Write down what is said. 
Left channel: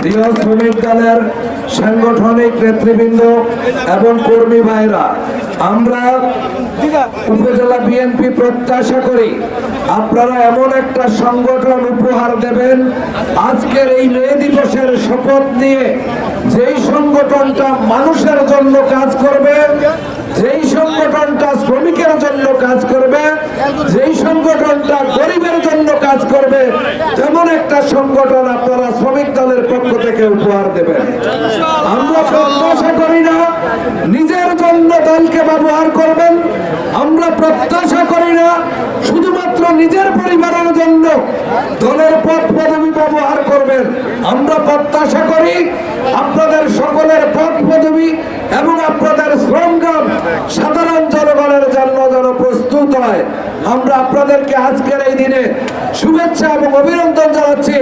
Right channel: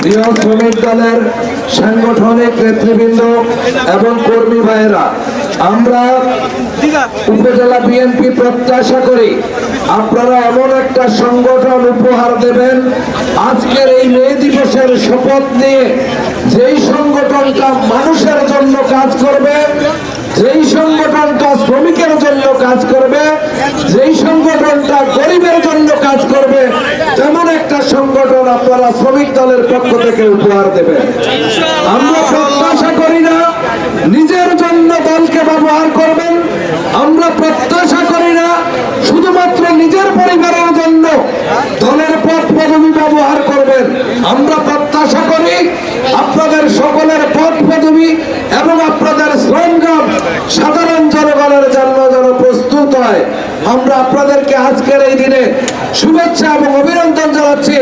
প্রিয় শ্রমিক দলের সাংগঠনিক নেতৃবৃন্দ এবং কর্মী ভাইরা, আমরা উপজেলা বিএনপি প্রত্যাশা করি আপনারা এমন একটা সংগঠন উপহার দেবেন আজকের এই মে দিবসের শপথ নিয়ে, যেই সংগঠনটা মানুষের জন্য কাজ করবে, যেই সংগঠনটা শ্রমিকের জন্য কাজ করবে, যেই সংগঠনটা গরিবের জন্য কাজ করবে, তেমন একটা সংগঠন আপনারা শ্রমিক দলের পক্ষ থেকে উপহার দেবেন। আমরা প্রত্যাশা করি না নিজের জন্য দলকে ব্যবহার করবেন, আমরা প্রত্যাশা করি না শুধুমাত্র নিজের পরিবারের জন্য দলের পদ পদবি ব্যবহার করবেন। আমরা প্রত্যাশা করি আপনাদের সকলের পদ পদবি এবং আপনাদের শ্রমগাম সাধারণ জনগণের জন্য যেন প্রস্তুত হয়। আমরা আপনাদেরকে আজকের এই দিনে শুভেচ্ছা এবং অভিনন্দন জানাচ্ছি।